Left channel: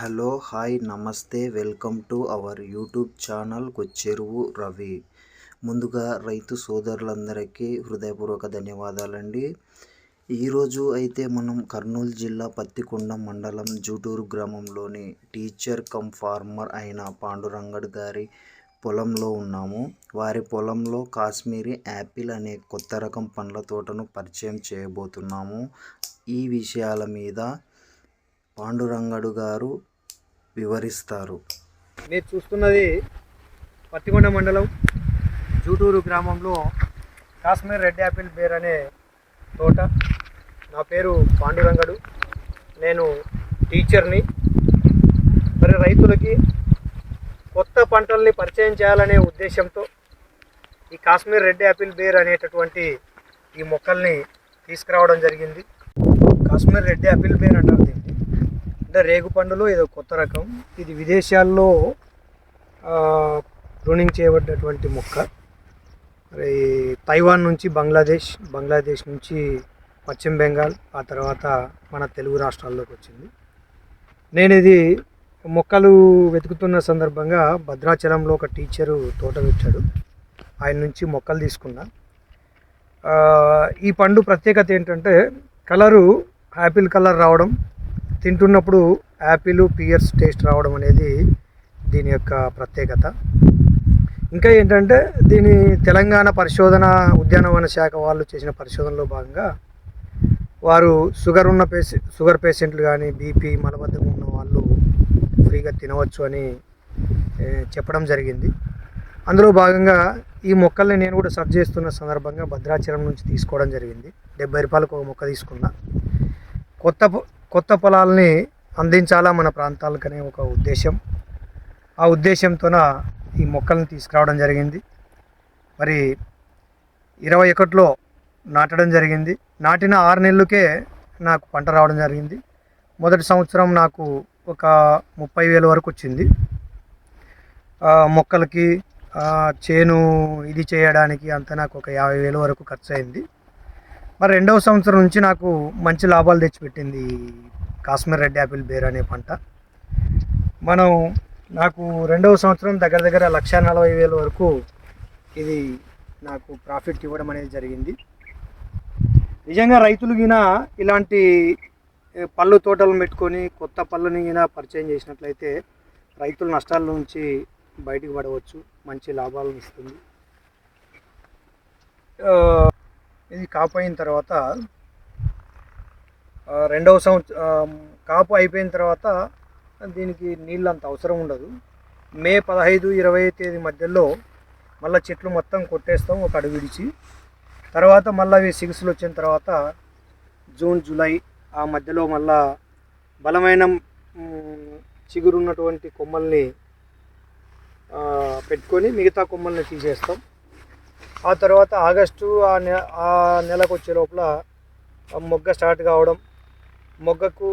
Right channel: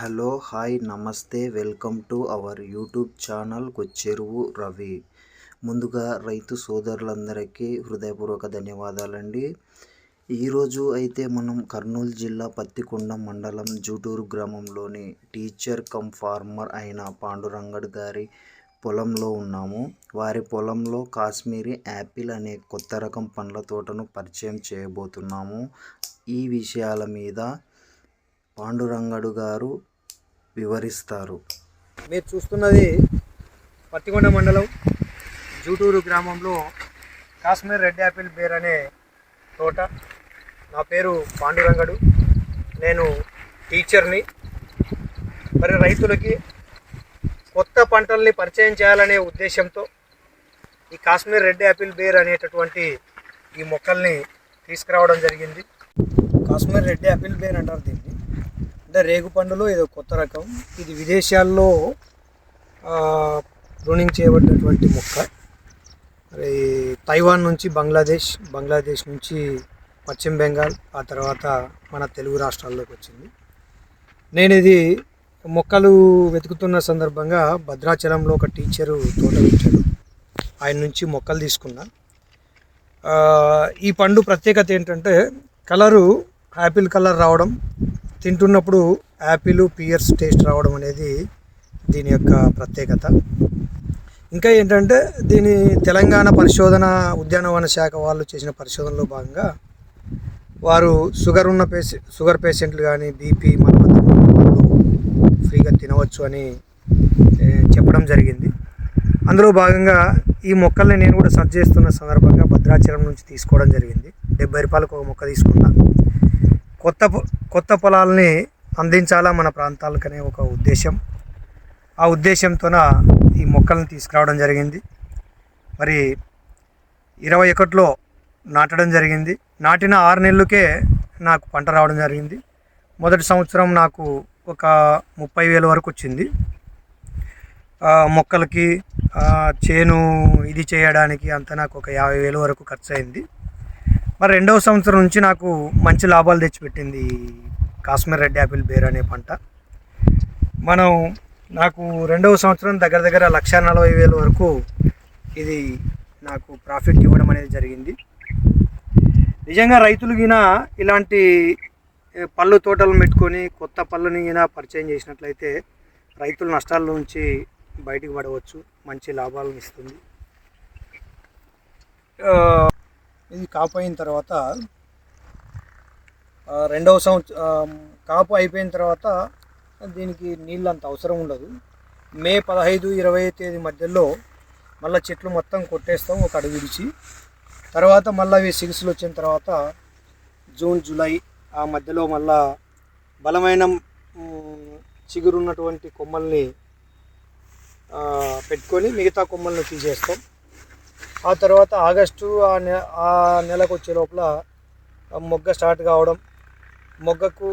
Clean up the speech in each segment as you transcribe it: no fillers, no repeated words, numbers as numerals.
Hello hi నమస్తే welcome to our YouTube channel Kocheruvu Ravi. ముందుగా రైతు సోదరులందరికీ హృదయపూర్వక ధన్యవాదాలండి. ఈరోజు అయితే మనం కర్నూలు జిల్లా పత్తికొండ మండలం జూటూరు గ్రామంలోని టీచర్ కమ్ ఫార్మర్ అయిన పాండురంగడు గారి పొలంలో ఉన్నాము. వారి పొలంలో కాశ్మీరీ యాపిల్ అనే కొత్త రకం పండ్ల తోటను పరిచయం చేయబోతున్నాము. ఈ విషయాల మీద పాండురంగడు గారు వివరిస్తారు. మీరు చూస్తున్నది పత్తికొండ మండలం జూటూరు గ్రామంలో కాశ్మీర్ రెడ్ యాపిల్ బేర్ అనే తోట. నా పేరు పాండురంగడు, నేను టీచర్ని. మరి రైతులకి కొత్త పంటల్ని పరిచయం చేయాలనే ఉద్దేశంతో ఈ కాశ్మీర్ రెడ్ యాపిల్ బేర్ అనేటటువంటి ఈ మొక్కల్ని తీసుకురావడం జరిగింది. కాశ్మీర్ రెడ్ యాపిల్ బేర్ అంటారు దీన్ని. అంటే రేగు పండులో ఏదో కొత్త రకం. ఇది విదేశాల్లో ప్రూనింగ్ చేయబడినటువంటి మొక్క. మరి తైవాన్ నుంచి బంగ్లాదేశ్ నుంచి పశ్చిమ బెంగాల్, ఆ తర్వాత మన తెలుగు రాష్ట్రాల్లోకి వచ్చింది. నేను ఇది మొక్కలు వెతుకుతున్న సందర్భంగా భద్రాచలంలో ఒక టీచరు తోట పెట్టాడు, ఆయన నుంచి మొక్కలు తీసుకున్నా. ఈ పండు ప్రత్యేకత ఏంటంటే కలరు యాపిల్ కలర్ రావడం, తింటున్నప్పుడు యాపిల్ పియర్స్ టేస్ట్ రావడం అనేది దీని యొక్క ప్రత్యేకత. ఇంకా ఏంటంటే దీని తెలంగాణ పరిశోధన ఉద్యానవన శాఖ వాళ్ళు చేసిన పరిశోధనలో భాగంగా వారు షుగర్ పేషెంట్లు కానీ బీపీ మలబద్ధకం వాళ్ళు ఫ్రీగా తినవచ్చు అని చెప్పడం జరిగింది. అందులో భాగంగా ఈ మొక్కల్ని నేను కూడా సర్చ్ చేస్తున్న సందర్భంగా భద్రాచలం నుంచి తీసుకోవడం జరిగింది. 70 రూపాయలకు ఒక మొక్క తీసుకున్నా. కొత్త పొలాలని అందించాలా మన ప్రాంతాలకనే ఒక ఉద్దేశం. ఆ ఉద్దేశంతోన ఈ మొక్కలను తీసుకురావడం జరిగింది. మరి 21లో నాటడం జరిగింది. నాటిన 6 నెలలకే నాకు పంట రావడం జరిగింది. మొదటి సంవత్సరం నాకు ఒక 30,000 వరకు వచ్చింది. మొక్కలకి చేను ఇది చేయడానికి అంతా నాకు ఒక 50,000 వరకు ఖర్చు అయింది. మరి రెండవ సంవత్సరం నుంచి నాకు మంచి లాభాలు తెచ్చిపెట్టింది కాశ్మీర్ రెడ్ యాపిల్ బేర్ అనే పంట. నాకు రెండవ సంవత్సరం దగ్గర 1,40,000 వరకు ఇది నాకు ప్రాఫిట్ ఇవ్వడం అనేది జరిగింది. నిజంగా రైతులు గిన ఇలాంటి పళ్ళు తోటలను పెట్టుకొని కొత్త పళ్ళని గిన పరిచయం చేసినట్లయితే రైతులు నష్టాల నుంచి బయటికి పడవచ్చు, మంచి లాభాలను ఇస్తుంది. ఇది కాపు అయిన తర్వాత రెండవ సంవత్సరం కాపు అయిపోయిన తర్వాత దీనికి నీళ్ళు అంత అవసరం ఉండదు. మే 15-20 తేదీ మధ్యలో మళ్ళీ చెట్లు మొత్తం కొట్టేస్తాం ఒక అడుగు విడిచి. తర్వాత మళ్ళీ అవి సిగుసులు వచ్చిన తర్వాత జూన్ జూలై ఆ మధ్యలో మళ్ళా బలమైన చిగురున్నటువంటి కొమ్మల్ని పెట్టుకొని మిగతా కొమ్మల్ని తీసేస్తాం. ఆ తర్వాత ఆగస్టు ఆ నెలకు వచ్చే లోపల మొగ్గ స్టార్ట్ కావడం, మొగ్గకు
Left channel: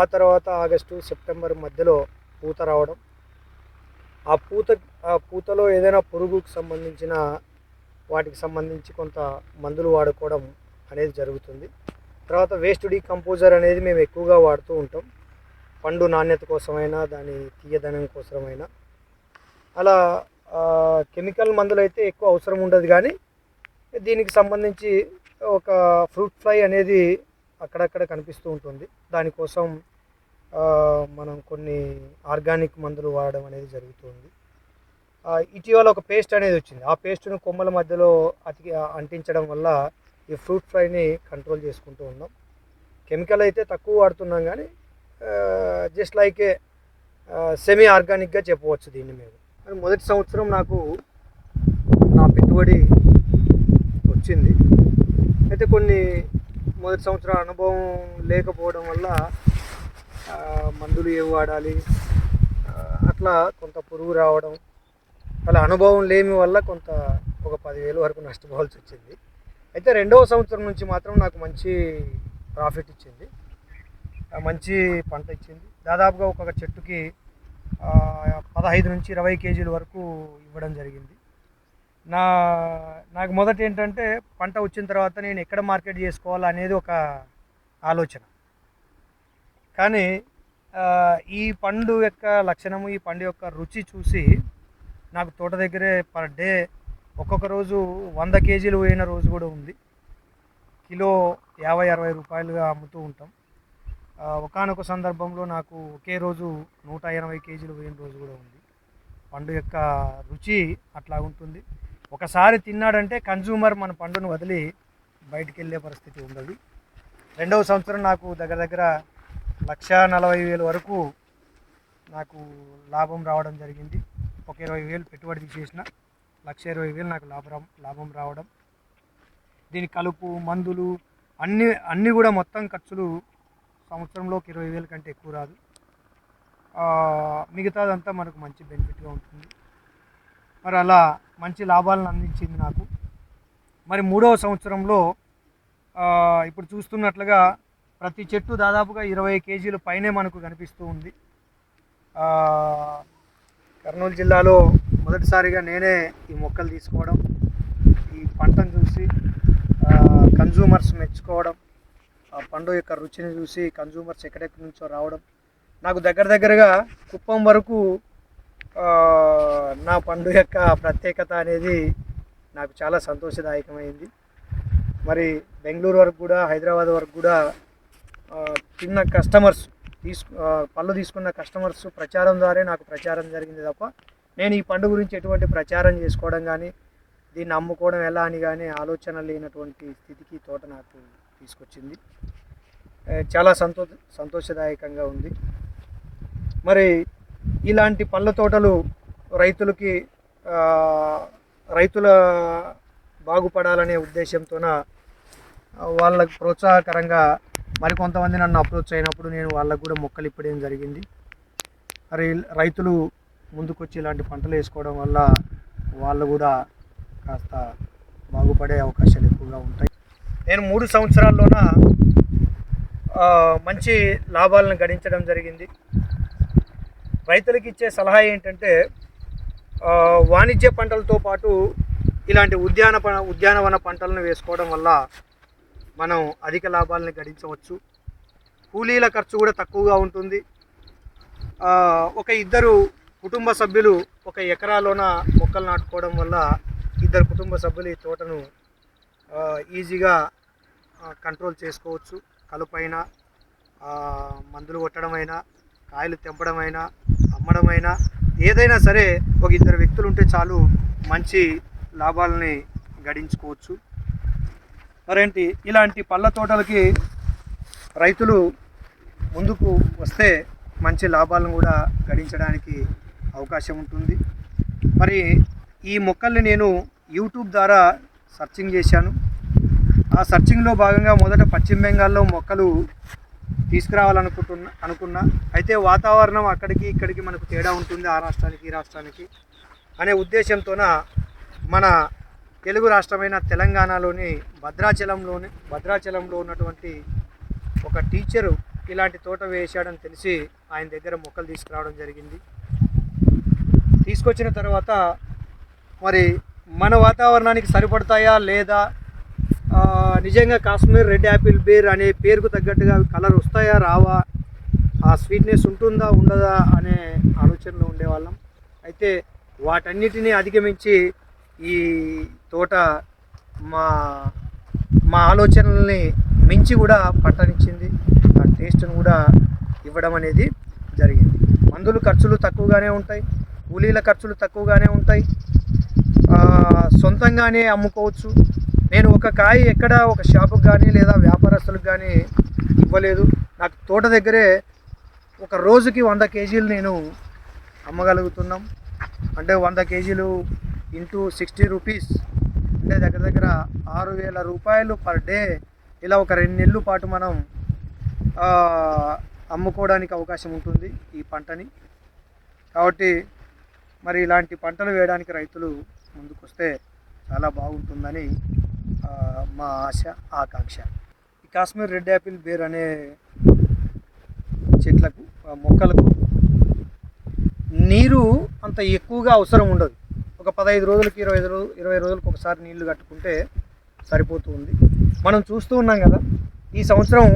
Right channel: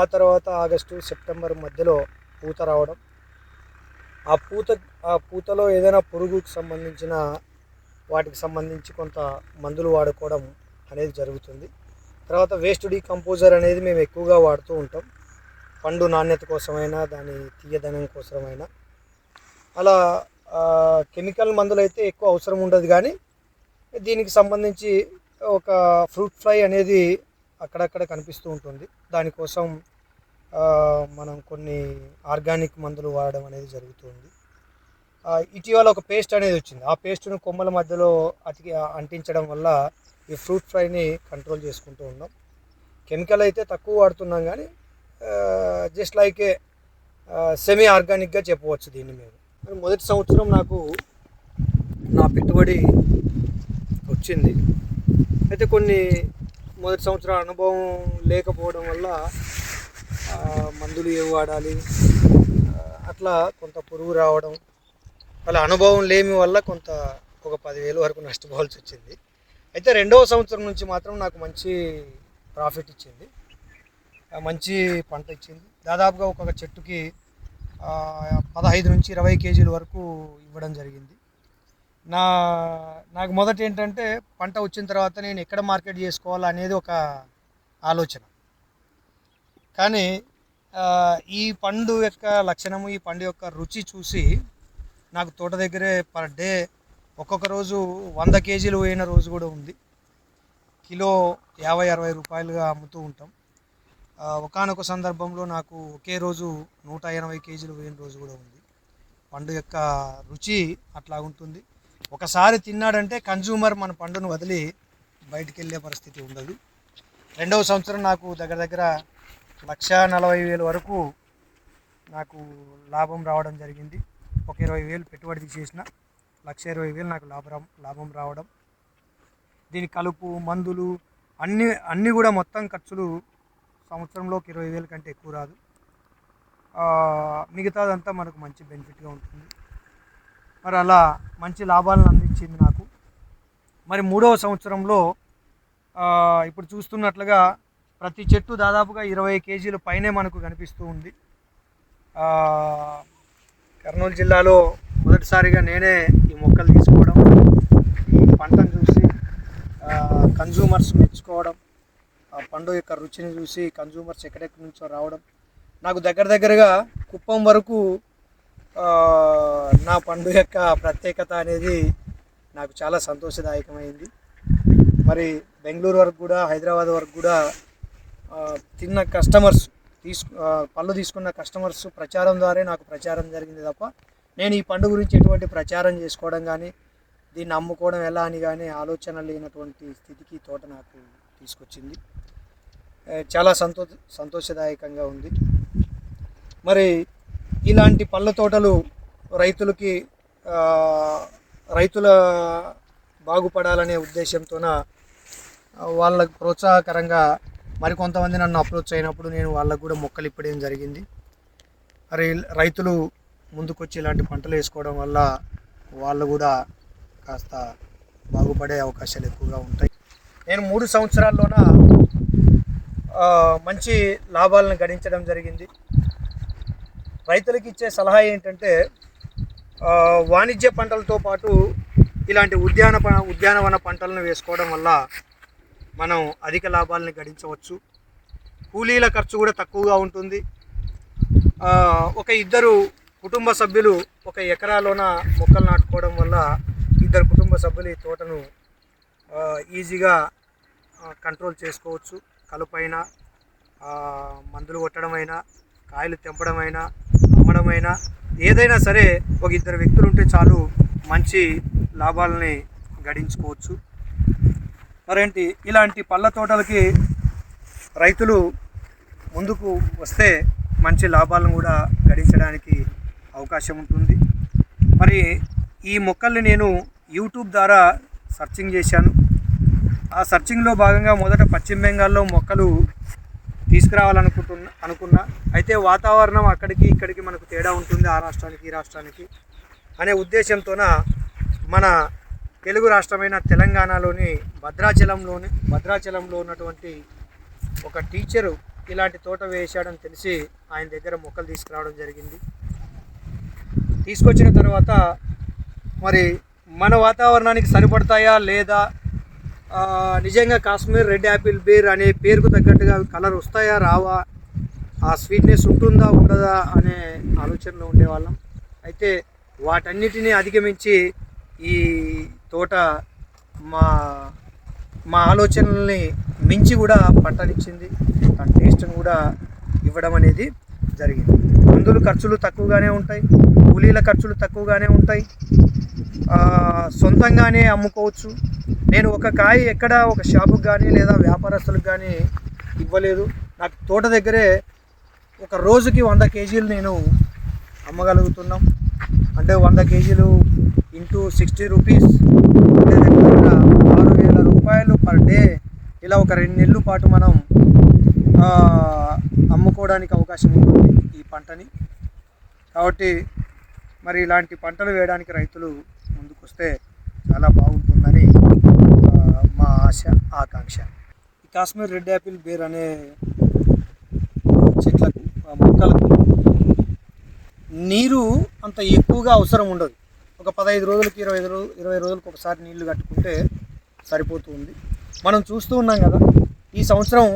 ఆ తర్వాత ఆగస్టు సెప్టెంబర్ మధ్యలో పూత రావడం. ఆ పూతలో ఏదైనా పురుగుకు సంబంధించిన వాటికి సంబంధించి కొంత మందులు వాడుకోవడం అనేది జరుగుతుంది. తర్వాత వేస్ట్ డీకంపోజర్ అనేది మేము ఎక్కువగా వాడుతూ ఉంటాం, పండు నాణ్యత కోసమైనా దాని తీయదనం కోసమైనా. అలా కెమికల్ మందులు అయితే ఎక్కువ అవసరం ఉండదు, కానీ దీనికి సంబంధించి ఒక ఫ్రూట్ ఫ్లై అనేది అక్కడక్కడ కనిపిస్తూ ఉంటుంది. దానికోసం మనం కొన్ని ఆర్గానిక్ మందులు వాడడం అనేది జరుగుతుంది. ఇటీవల ఒక పేస్ట్ అనేది వచ్చింది. ఆ పేస్ట్ను కొమ్మల మధ్యలో అంటించడం వల్ల ఈ ఫ్రూట్ ఫ్లైని కంట్రోల్ చేసుకుంటూ ఉన్నాం. కెమికల్ అయితే తక్కువ వాడుతున్నాం, కానీ జస్ట్ లైక్ ఏ సెమీ ఆర్గానిక్గా చెప్పవచ్చు దీన్ని మేము. మొదటి సంవత్సరం నాకు నా పెట్టుబడి వచ్చింది. అయితే కొన్ని మొదటి సంవత్సరం అనుభవం లేకపోవడం వల్ల మందులు ఏవి వాడాలి అట్లా కొంత పురుగు రావడం, అలా అనుభవం లేమి వల్ల ఒక 10,000 వరకు నష్టపోవాల్సి వచ్చింది. అయితే రెండవ సంవత్సరం నుంచి మాత్రం నాకు మంచి ప్రాఫిట్ ఇచ్చింది, మంచి పంట ఇచ్చింది. దాదాపుగా ఒక్కొక్క చెట్టుకి 15-20 కేజీల వరకు ఇవ్వడం జరిగింది. నాకు మొదట ఏంటంటే పంట వచ్చిన తర్వాత నేను ఎక్కడ మార్కెట్ చేసుకోవాలనేది ఒక ఆలోచన. కానీ ఈ పండు యొక్క లక్షణము, ఈ పండు యొక్క రుచి చూసి నాకు తోట దగ్గరే పర్ డే ఒక్కొక్క రోజు 100 కేజీలు పోయిన రోజు కూడా ఉంది. కిలో 50-60 రూపాయలుగా అమ్ముతూ ఉంటాం. ఒకానొక సందర్భంలో నాకు ఒకే రోజు 180 కేజీలు పోయిన రోజు కూడా ఉంది. పండు యొక్క రుచి అట్లా ఉంటుంది. ఒకసారి తిన్నాడంటే కన్జ్యూమర్ మన పండును వదిలి బయటికి వెళ్ళే పరిస్థితి ఉండదు. రెండవ సంవత్సరం నాకు దగ్గర దగ్గర 1,40,000 వరకు నాకు లాభం రావడం జరిగింది. ఒక 20,000 పెట్టుబడి తీసేసిన 1,20,000 నాకు లాభం రావడం. దీని కలుపు, మందులు అన్నీ కూడా మొత్తం ఖర్చులు సంవత్సరంలోకి 20,000 కంటే ఎక్కువ రాదు. మిగతాదంతా మనకు మంచి బెనిఫిట్గా ఉంటుంది. మరి అలా మంచి లాభాలను అందించింది నాకు. మరి 3వ సంవత్సరంలో ఇప్పుడు చూస్తున్నట్లుగా ప్రతి చెట్టు దాదాపుగా 20 కేజీల పైనే మనకు కనిపిస్తూ ఉంది. కర్నూలు జిల్లాలో మొదటిసారిగా నేనే ఈ మొక్కలు తీసుకోవడం, ఈ పంటను చూసి కన్జ్యూమర్స్ మెచ్చుకోవడం, ఆ పండు యొక్క రుచిని చూసి కన్జ్యూమర్స్ ఎక్కడెక్కడి నుంచో రావడం, నాకు దగ్గరగా కుప్పం వరకు నా పండు యొక్క ప్రత్యేకత అనేది నాకు చాలా సంతోషదాయకమైంది. మరి బెంగళూరు వరకు కూడా, హైదరాబాద్ వరకు కూడా తిన్న కస్టమర్స్ పళ్ళు తీసుకున్న కస్టమర్స్ ప్రచారం ద్వారా నాకు ప్రచారం జరిగింది తప్ప నేను ఈ పండు గురించి ఎటువంటి ప్రచారం చేసుకోవడం కానీ, దీన్ని అమ్ముకోవడం ఎలా అని కానీ ఆలోచన లేనటువంటి స్థితికి తోట నాకు తీసుకొచ్చింది. చాలా సంతోషదాయకంగా ఉంది. మరి ఇలాంటి పళ్ళ తోటలు రైతుల బాగుపడాలనే ఉద్దేశంతోన వాళ్ళకు ప్రోత్సాహకరంగా మరికొంతమంది నన్ను అప్రోచ్ అయినప్పుడు నేను వాళ్ళకు కూడా మొక్కలు ఇప్పడం జరిగింది. మరి రైతులు ముందుకొచ్చి ఇలాంటి పంటలు వేసుకోవడం వల్ల వాళ్ళు కూడా కాస్త బాగుపడే అవకాశాలు ఎక్కువగా ఉంటాయి. నేను 3 సంవత్సరాల్లోన మంచి లాభాలను గడించడం జరిగింది. రైతులకు ఇచ్చే సలహా ఏంటంటే వాణిజ్య పంటలతో పాటు ఇలాంటి ఉద్యానవన పంటలను వేసుకోవడం వల్ల మనం అధిక లాభాలను గడించవచ్చు. కూలీల ఖర్చు కూడా తక్కువగా ఉంటుంది. ఒక 2 కుటుంబ సభ్యులు ఒక ఎకరాలోన మొక్కలు నాటుకోవడం వల్ల 2 కుటుంబ సభ్యులు ఈ తోటను ఈజీగా కంట్రోల్ చేసుకోవచ్చు. కలుపైనా, మందులు కొట్టడమైనా, కాయలు తెంపడమైనా, అమ్మడమైనా, ఏదైనా సరే ఒక 2 వ్యక్తులు ఉంటే చాలు మంచి లాభాలని గడించుకోవచ్చు. మరేంటి ఇలాంటి పళ్ళ తోటలకి రైతులు ముందుకు వస్తే మంచి లాభాలను కూడా గడించడానికి అవకాశం ఉంటుంది. మరి ఈ మొక్కల్ని నేను యూట్యూబ్ ద్వారా సర్చింగ్ చేశాను. ఆ సర్చింగ్లో భాగంగా మొదట పశ్చిమ బెంగాల్లో మొక్కలు తీసుకురావాలనుకున్నా. అయితే వాతావరణం అక్కడికి ఇక్కడికి మనకు తేడా ఉంటుంది, ఆ రాష్ట్రానికి ఈ రాష్ట్రానికి అనే ఉద్దేశంతోన మన తెలుగు రాష్ట్రమైన తెలంగాణలోని భద్రాచలంలో ఉన్నటువంటి ఒక టీచరు ఇలాంటి తోట వేశాడని తెలిసి ఆయన దగ్గర మొక్కలు తీసుకురావడం జరిగింది. తీసుకొచ్చిన తర్వాత మరి మన వాతావరణానికి సరిపడతాయా లేదా, నిజంగా కాశ్మీర్ రెడ్ యాపిల్ బేర్ అనే పేరుకు తగ్గట్టుగా కలర్ వస్తాయా రావా, ఆ స్వీట్నెస్ ఉంటుందా ఉండదా అనే ఆలోచనలో ఉండేవాళ్ళం. అయితే వాటన్నిటినీ అధిగమించి ఈ తోట మా ఆలోచనల్ని మించి కూడా పంటనిచ్చింది. ఆ టేస్ట్ను కూడా ఇవ్వడం అనేది జరిగింది. మందుల ఖర్చులు తక్కువగానే ఉంటాయి, కూలీల ఖర్చులు తక్కువగానే ఉంటాయి, సొంతంగానే అమ్ముకోవచ్చు. నేను ఒక కాయ ఎక్కడ ఒక షాపుకి కానీ లేదా వ్యాపారస్తులకు కానీ ఇవ్వలేదు. నాకు తోట దగ్గరే ఒక రోజుకి 100 కేజీలు నేను అమ్మగలుగుతున్నాం. అంటే 100 కేజీలు ఇంటూ 60 రూపీస్ అంటే దగ్గర 6,000 రూపాయలు పర్ డే. ఇలా ఒక 2 నెలల పాటు మనం అమ్ముకోవడానికి అవకాశం ఉంటుంది ఈ పంటని. కాబట్టి మరి ఇలాంటి పంటలు వేయడానికి రైతులు ముందుకు వస్తే చాలా బాగుంటుందని మా ఆశ, ఆకాంక్ష. ఈ కాశ్మీర్ రెడ్ యాపిల్ బేర్ అనే చెట్లకు, మొక్కలకు నీరు అంత ఎక్కువగా అవసరం ఉండదు. ఒక 15 రోజులకి 20 రోజులకు ఒకసారి నీళ్లు కట్టుకుంటే సరిపోతుంది. మనం చూస్తూ ఉన్నాం కదా, ఈ సంవత్సరం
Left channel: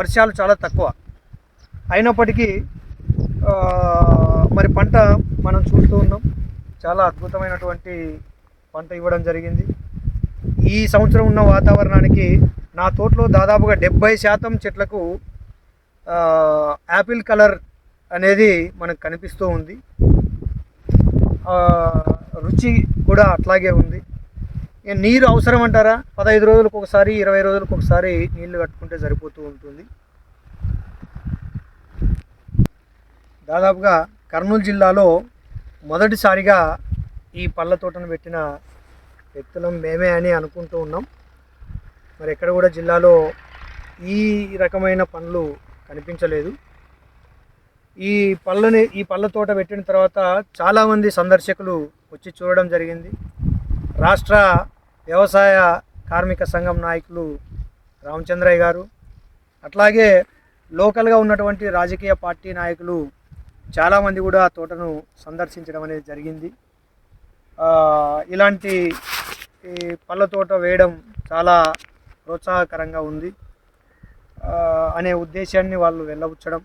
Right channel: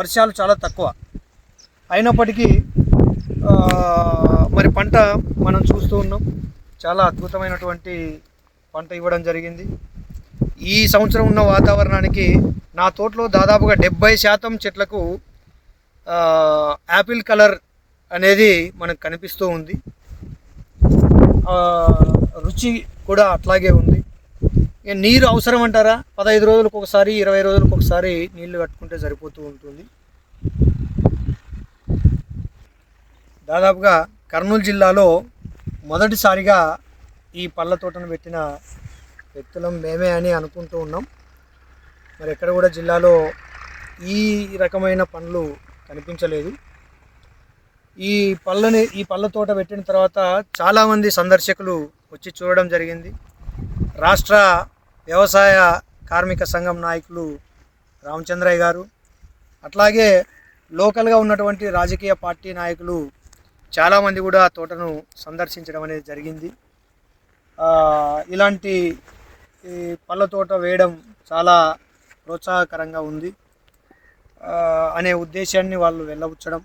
వర్షాలు చాలా తక్కువ. అయినప్పటికీ మరి పంట మనం చూస్తూ ఉన్నాం, చాలా అద్భుతమైనటువంటి పంట ఇవ్వడం జరిగింది. ఈ సంవత్సరం ఉన్న వాతావరణానికి నా తోటలో దాదాపుగా 70% చెట్లకు యాపిల్ కలర్ అనేది మనకు కనిపిస్తూ ఉంది. రుచి కూడా అట్లాగే ఉంది. ఇక నీరు అవసరం అంటారా, 15 రోజులకు ఒకసారి 20 రోజులకు ఒకసారి నీళ్లు కట్టుకుంటే సరిపోతూ ఉంటుంది. దాదాపుగా కర్నూలు జిల్లాలో మొదటిసారిగా ఈ పళ్ళ తోటను పెట్టిన వ్యక్తులం మేమే అని అనుకుంటూ ఉన్నాం. మరి ఎక్కడ కూడా జిల్లాలో ఈ రకమైన పండ్లు కనిపించలేదు. ఈ పళ్ళ తోట పెట్టిన తర్వాత చాలామంది సందర్శకులు వచ్చి చూడడం జరిగింది. రాష్ట్ర వ్యవసాయ కార్మిక సంఘం నాయకులు రామచంద్రయ్య గారు, అట్లాగే లోకల్గా ఉన్నటువంటి రాజకీయ పార్టీ నాయకులు చాలామంది కూడా తోటను సందర్శించడం అనేది జరిగింది. ఇలాంటి పళ్ళ తోట వేయడం చాలా ప్రోత్సాహకరంగా ఉంది అనే ఉద్దేశాన్ని వాళ్ళు వెళ్ళబుచ్చడం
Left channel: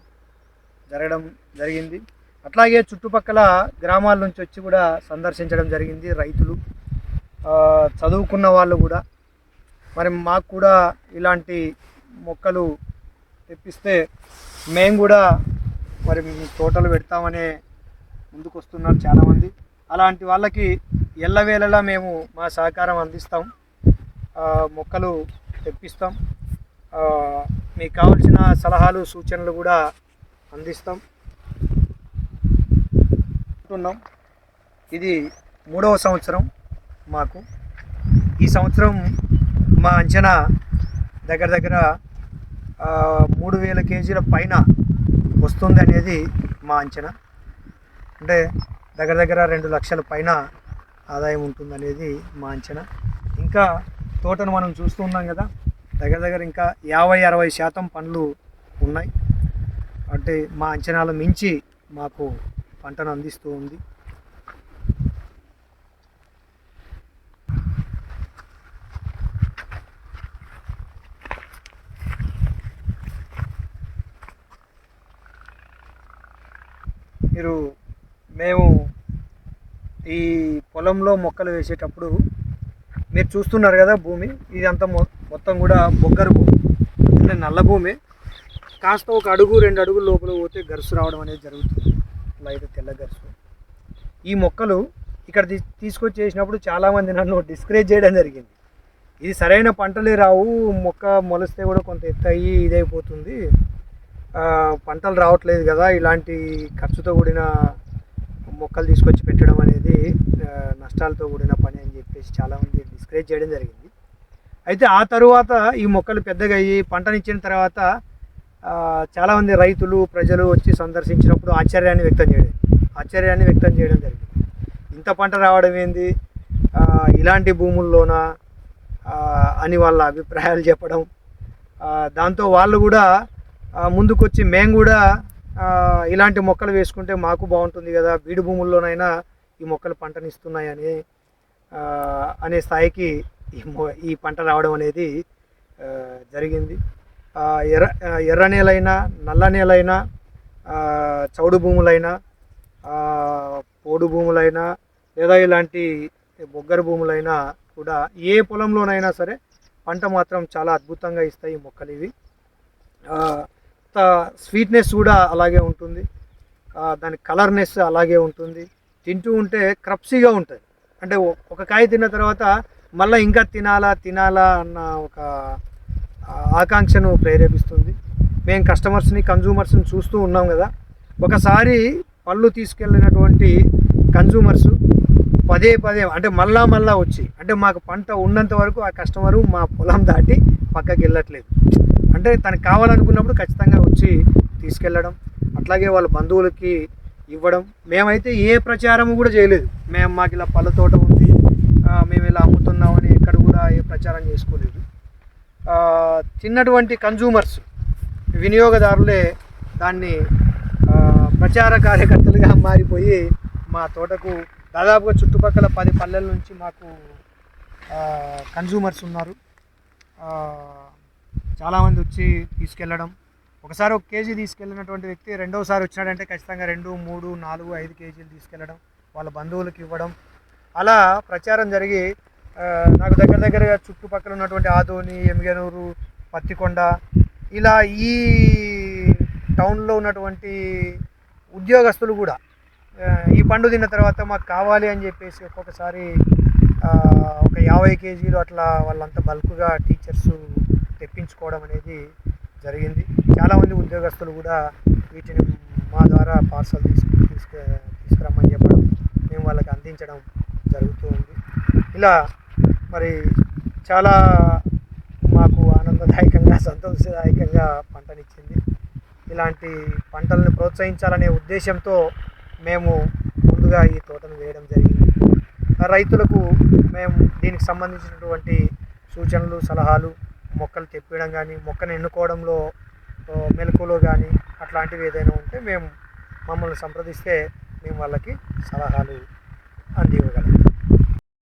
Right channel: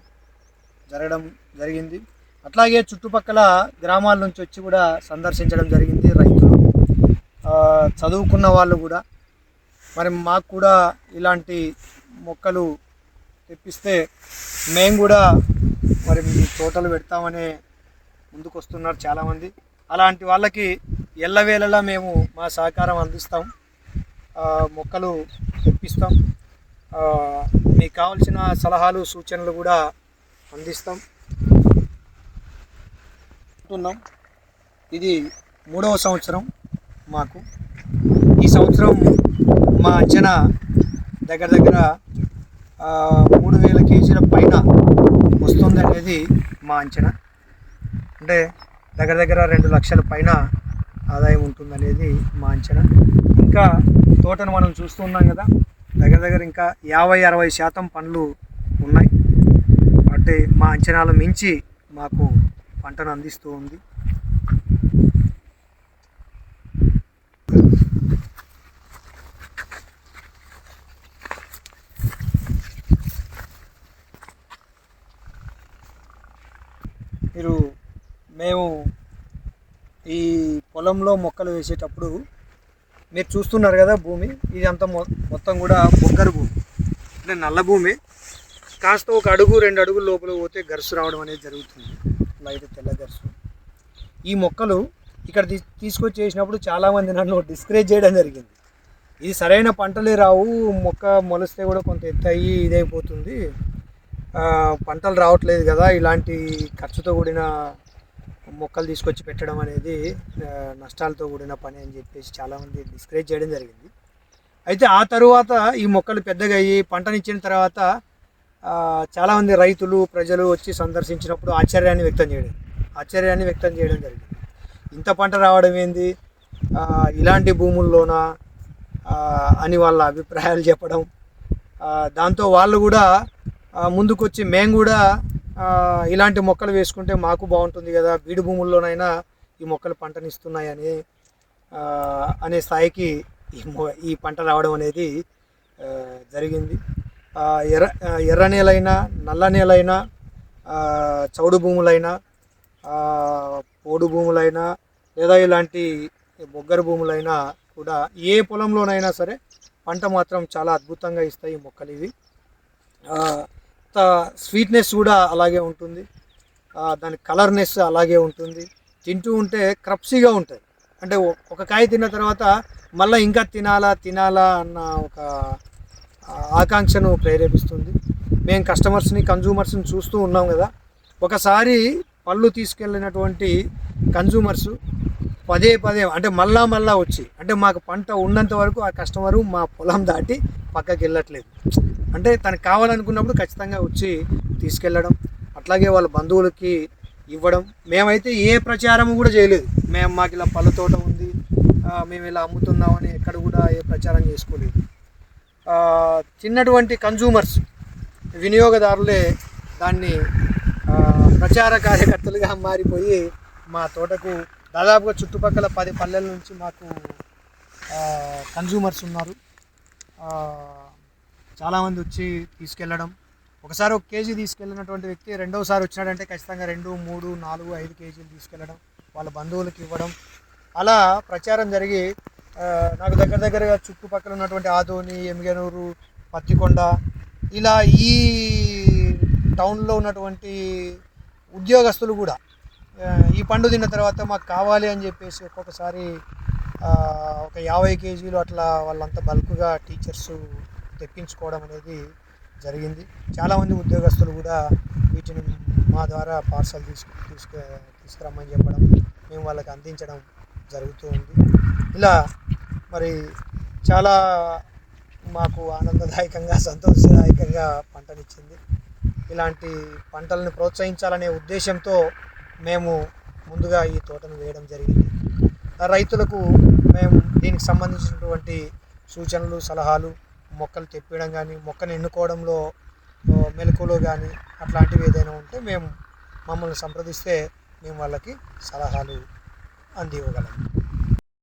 జరిగింది. అట్లాగే చుట్టుపక్కల గ్రామాల నుంచి వచ్చి కూడా సందర్శించడం జరిగింది రైతులు, చదువుకున్న వాళ్ళు కూడా. మరి మాకు కూడా ఇలాంటి మొక్కలు తెప్పిస్తే మేము కూడా మరి తోటలు పెడతామనే ముందుకు వస్తున్నారు చాలామంది. అలాంటి వాళ్ళకి ఎల్లవేళలా మేము మా సహకారం అందిస్తాం, మొక్కలు తెప్పిస్తాం, మీకు కావాల్సిన సలహాలు సూచనలు కూడా అందిస్తాం. ఇది 3వ సంవత్సరం మాకు. ఈ సంవత్సరం మా అంచనా దగ్గర 3000 కేజీల పైన వస్తుంది అనేది మా అంచనా. అంటే దగ్గర 2 లక్షల పైన ఆదాయం ఉంటుందనేది మా అంచనా. ఇంకా తోటను మనం చూస్తూ ఉన్నాం కదా, దగ్గర ఇంకా 50-60% పండ్లు ఉన్నాయి. అంటే మా అంచనాలు మించి మాకు పంటను అందిస్తూ ఉంది. మేము ఈ పొలంలో మొక్కలు వేసేటప్పుడు మీరు చూస్తున్నారు కదా, భూమి ఇదంతా మొత్తం కూడా బొగ్గరు భూమి, అంటే నల్ల భూమి. కాస్త 1 అడుగు 2 అడుగుల లోపల పోతే గరుసు రావడం అనేది జరుగుతుంది, లైట్ తెల్ల గరుసు. ఈ మొక్కలు ఇక్కడ తీసుకొచ్చి వేసినప్పుడు చాలామంది నన్ను డిస్కరేజ్ చేయడం జరిగింది. ఇది సరైన పంటలే రావు, మొక్క మొలిస్తే కూడా కొంత ఎత్తు అయ్యి ఇదైపోతుంది, పంటలు రావట్లేదు కదా, ఇలాంటి ఖర్చుతో కూడిన మొక్కలు తీసుకొచ్చి పెట్టడం అనేది నష్టాలతో కూడిన పని అని చెప్పేసి చాలామంది డిస్కరేజ్ చేయడం జరిగింది. అయితే ఆ తరువాత ఈ మొక్కలు పెద్దగా అయ్యి పంటనిచ్చిన తర్వాత చాలామంది రైతులు ప్రజలు వచ్చి సందర్శించినప్పుడు ఆశ్చర్యాన్ని వ్యక్తం చేయడం జరిగింది. ఇంత పంట రావడం ఏంది ఇలాంటి భూముల్లోనా అని వాళ్ళ అభిప్రాయాలు చెప్పడం. దాంతో వాళ్ళు కూడా ముందుకొచ్చి మేము కూడా ఇలాంటి మొక్కలు వేసుకుంటే మాకు బాగుంటుంది కదా, బీడు భూముల్లోనైనా ఈ మొక్కలు పంటనిస్తున్నాయని అనే స్థాయికి ఈ పంట రావడం అనేది జరిగింది. ఎర్ర నేలైనా నల్ల నేలైనా చౌడు భూములైనా పోడు భూములైనా లేదా ఇలాంటి బొగ్గర భూములైనా కూడా ఏ పొలంలోనైనా సరే పంట మాత్రం చాలా అద్భుతంగా ఇస్తాయి ఈ మొక్కలు. ఇవి స్వీట్నెస్ కూడా అలాగే ఉంటుంది, దాని కలర్నెస్ అలాగే ఉంటుంది, తింటూ ఉంటే క్రప్సీగా ఉంటుంది. అంటే ఒక కాయ తిన్న తర్వాత మళ్ళీ ఇంకా తినాలా అన్న ఒక ఆకాంక్షను ప్రేరేపిస్తుంది. మేము కన్జ్యూమర్స్ని చూస్తూ ఉన్నాం కదా, ఒకసారి పళ్ళు తీసుకెళ్ళినటువంటి కన్జ్యూమర్స్ పదే అంటే మళ్ళా వచ్చి, అంటే మాకు పంట ఉన్నంత వరకు ఆ కస్టమరు మా పొలం దాటి పక్కకి వెళ్ళట్లేదు. అంటే తనకు కావాలనుకున్నప్పుడు ఖచ్చితంగా వచ్చి తీసుకెళ్ళడం, అట్లాగే వాళ్ళ బంధువులకి ఇవ్వడం. మేమైతే ఏ ప్రచారం కూడా చేయలేదు, మాకు ఇలా పళ్ళ తోట ఉంది, మేము ఇలా అమ్ముతున్నామని ఎక్కడ కూడా ఏ ప్రచారం చేసుకోలేదు. చిన్నటువంటి కన్జ్యూమర్స్ వినియోగదారులే దాన్ని ప్రచార కార్యకర్తలుగా మారిపోయి మా తోటకు దాదాపుగా చుట్టుపక్కల 10 పల్లెల నుంచి మాకు కన్జ్యూమర్స్ ఉన్నారు. చాలామంది వచ్చి తీసుకెళ్ళడం, ఒకసారి 1 కేజీ తీసుకెళ్ళినటువంటి వ్యక్తి రెండోసారి వచ్చినాడంటే ఖచ్చితంగా 2, 3, 4, 5 కేజీలు తీసుకెళ్ళడం, వాళ్ళ బంధువులకు ఇవ్వడం, అలా ప్రచారం జరిగి నాకు దగ్గరగా చుట్టుపక్కల ఉన్నటువంటి ఆదోని, ఎమ్మిగనూరు, పత్తికొండ ఇలా ఈ టౌన్లో ఉన్నటువంటి ఉద్యోగస్తులు కూడా ఈ పండు తిన్న తర్వాత మాకు కావాలి అని చెప్పేసి ఒక్కొక్కసారి ఒక 50 కేజీలు అట్లా వాళ్ళంతా బల్క్గా టీచర్స్ తెప్పించుకోవడం అనేది జరిగింది. చాలామంది ఉద్యోగస్తులు కూడా వీటిని మా ద్వారా పార్సల్ తీసుకురమ్మని చెప్పడం, మేము వాళ్ళకి అందించడం జరుగుతూ ఉంది. ఇలా మరి చాలా మాకు ఆనందదాయకంగా, సంతోషదాయకంగా పంటనిచ్చింది. ఇలాంటి పంటలను ప్రోత్సహించాలనే ఉద్దేశంతో మేము ముందుగా ఈ తోటను వేయడం జరిగింది. రైతులకు మేము దీనికి సంబంధించినటువంటి సూచనలు, సలహాలు, మొక్కలు తెప్పించడం కానీ, మొక్కను ఎన్నుకోవడంలో మెలకువలు కానీ అట్లాంటివి ఏదైనా ఉంటే మమ్మల్ని సంప్రదిస్తే మేము వాళ్ళకి సలహాలు అందివ్వగలం.